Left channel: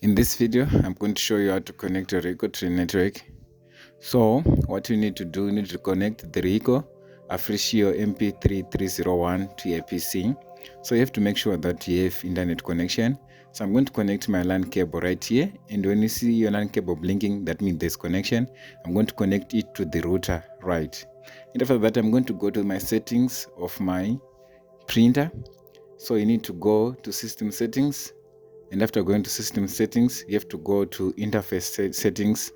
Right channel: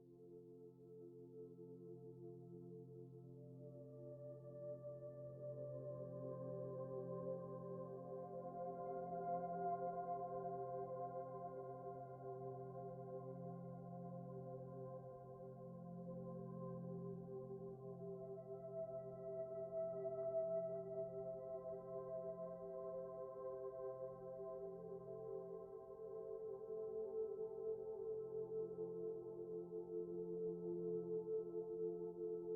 In this video, I'm going to show you how to connect a Ricoh to a network. So, what you need to do, you need to connect the Ricoh Africio MP3301 to your PC. So you have to make sure that you have internet connection. So I'm going to connect my LAN cable right here, and when you see your LAN cable blinking, that means there's connection. I'm going to connect it to the router, right? And after that, I'm going to go to my settings of my printer. So you need to go to system settings, and after going to system settings, you have to go to interface settings.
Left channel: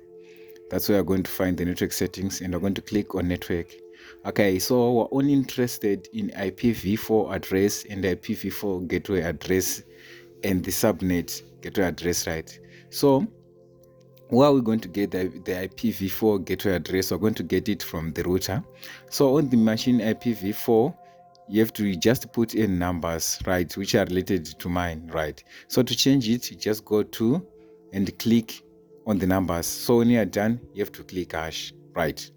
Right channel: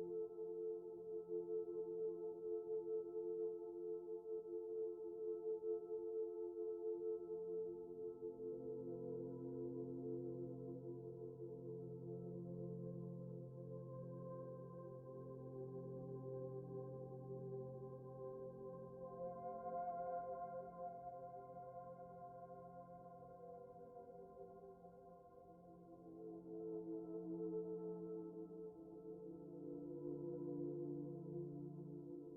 That's where you're going to find the network settings, and we're going to click on network. Okay, so we're only interested in IPv4 address and the IPv4 gateway address and the subnet gateway address, right? So where are we going to get the IPv4 gateway address? We're going to get it from the router. So on the machine IPv4, you have to just put in numbers, right, which are related to mine, right? So to change it, you just go to and click on the numbers. So when you are done, you have to click hash, right?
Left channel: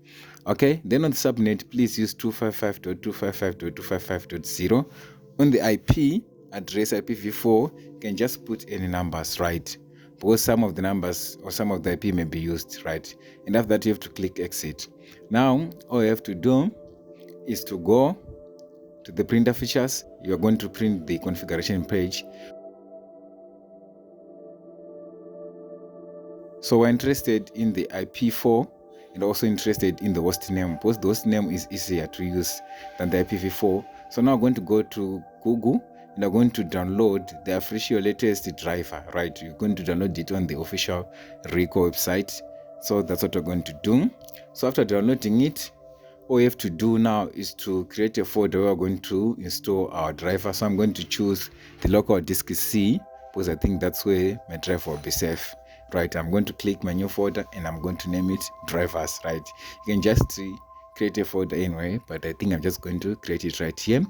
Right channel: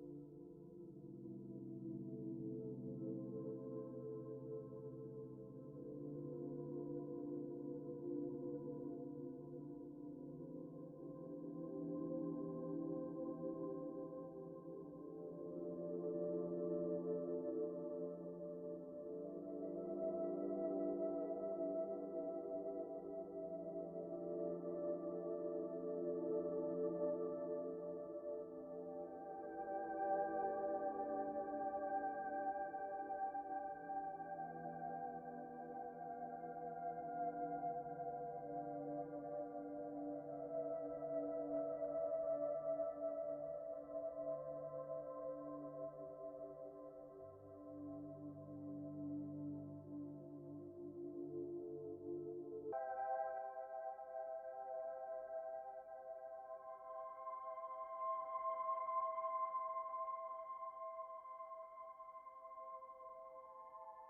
Okay, then on the subnet, please use 255.255.255.0. On the IP address IPv4, you can just put any numbers, right? Because some of the numbers or some of the IP may be used, right? And after that, you have to click exit. Now, all you have to do is to go to the printer features. You are going to print the configuration page. So we're interested in the IP4 and also interested in the host name, because the host name is easier to use than the IPv4. So now I'm going to go to Google and I'm going to download the official latest driver, right? You're going to download it on the official Ricoh website. So that's what we're going to do. So after downloading it, all you have to do now is to create a folder where we're going to install our driver. So I'm going to choose the local disk C, because I think that's where my driver will be safe, right? I'm going to click my new folder and I'm going to name it drivers, right? You can just create a folder anyway, but I think I'm just going to create it right here. And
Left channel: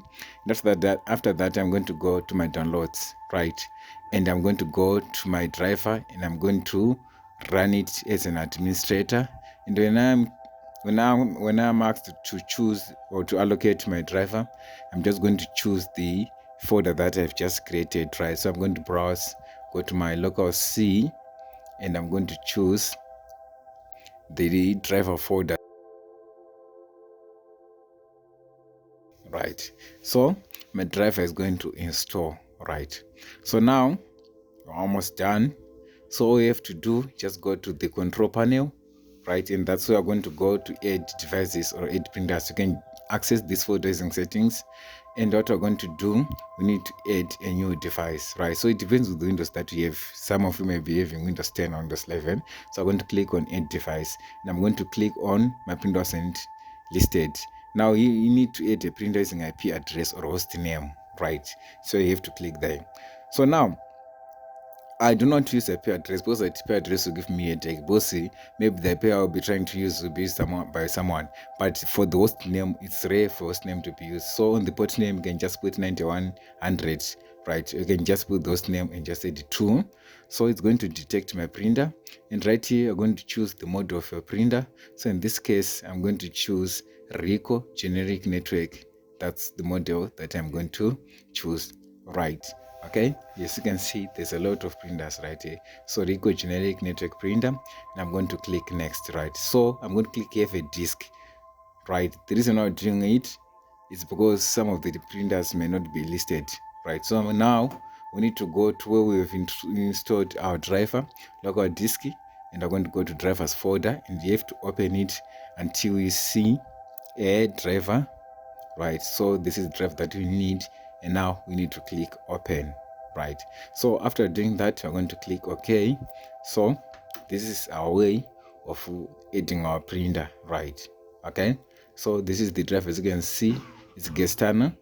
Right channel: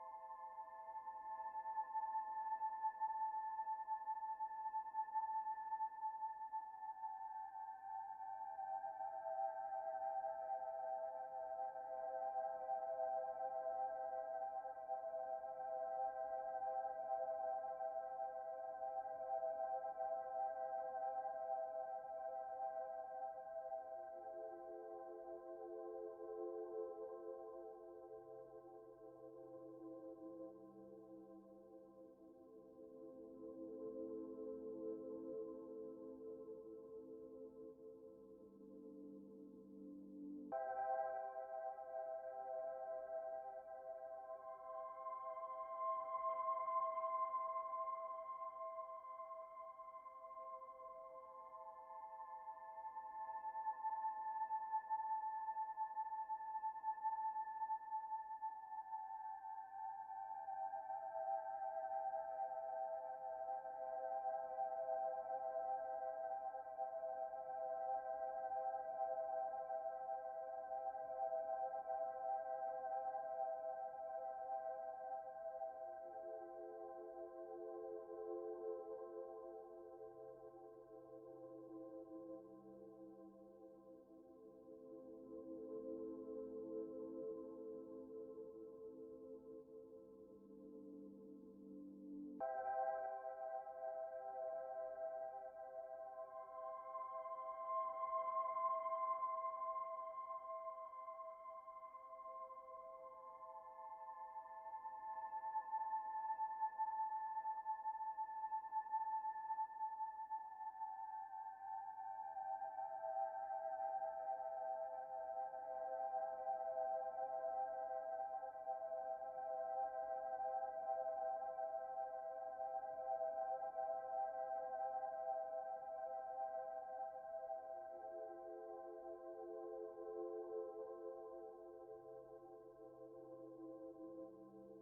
after that I'm going to go to my downloads, right? And I'm going to go to my driver and I'm going to run it as an administrator. And when I'm asked to choose or to allocate my driver, I'm just going to choose the folder that I've just created, right? So I'm going to browse, go to my local C, and I'm going to choose the driver folder, right? So my driver is going to install, right? So now we're almost done. So all you have to do, just go to the control panel, right? And that's where we're going to go to add devices or add printers. You can access this folder using settings. And what we're going to do, we need to add a new device, right? So it depends on the Windows that you have. Some of you may be having Windows 10 or Windows 11. So I'm going to click on add device, and I'm going to click on my printer and listed. Now you need to add a printer using IP address or host name, right? So you have to click there. So now I do not use IP address, because the IP address will give me a headache. Because maybe the IP I'll be trying to use will be by someone. But for the host name, it's rare for host name to be used. So on the port name, you can just put 9100, right? You can just put the host name and just add 2. So it's going to detect my printer. And right here, I'm going to choose the model of your printer. So in this case, I'm going to choose Ricoh generic network. That's the model that I'm going to choose, right? Okay, yes, you can see there's a lot of printers right here. So Ricoh generic network printer, and I'm going to click next, right? So I'm going to click have a disk, right? The reason why I'm doing it is because some of the printers may not be listed, right? So now we need to go to where we have installed our driver, local disk, and I'm going to go to drivers folder, and you have to open it until you see a driver, right? So this is the drive that we need, and now we need to click open, right? So after doing that, we're going to click OK. So this is our way of adding our printer, right? Okay, so this is the drive. As you can see, it's Gestana.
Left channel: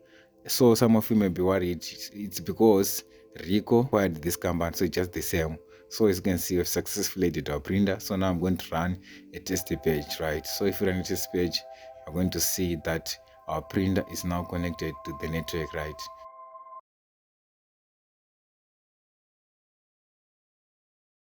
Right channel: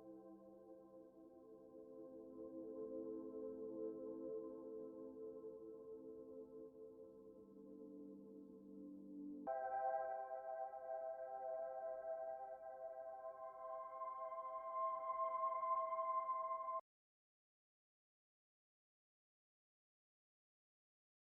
So some of you may be worried, it's because Ricoh acquired this company, so it's just the same. So as you can see, we've successfully added our printer. So now I'm going to run a test page, right? So if you run a test page, you're going to see that our printer is now connected to the network, right?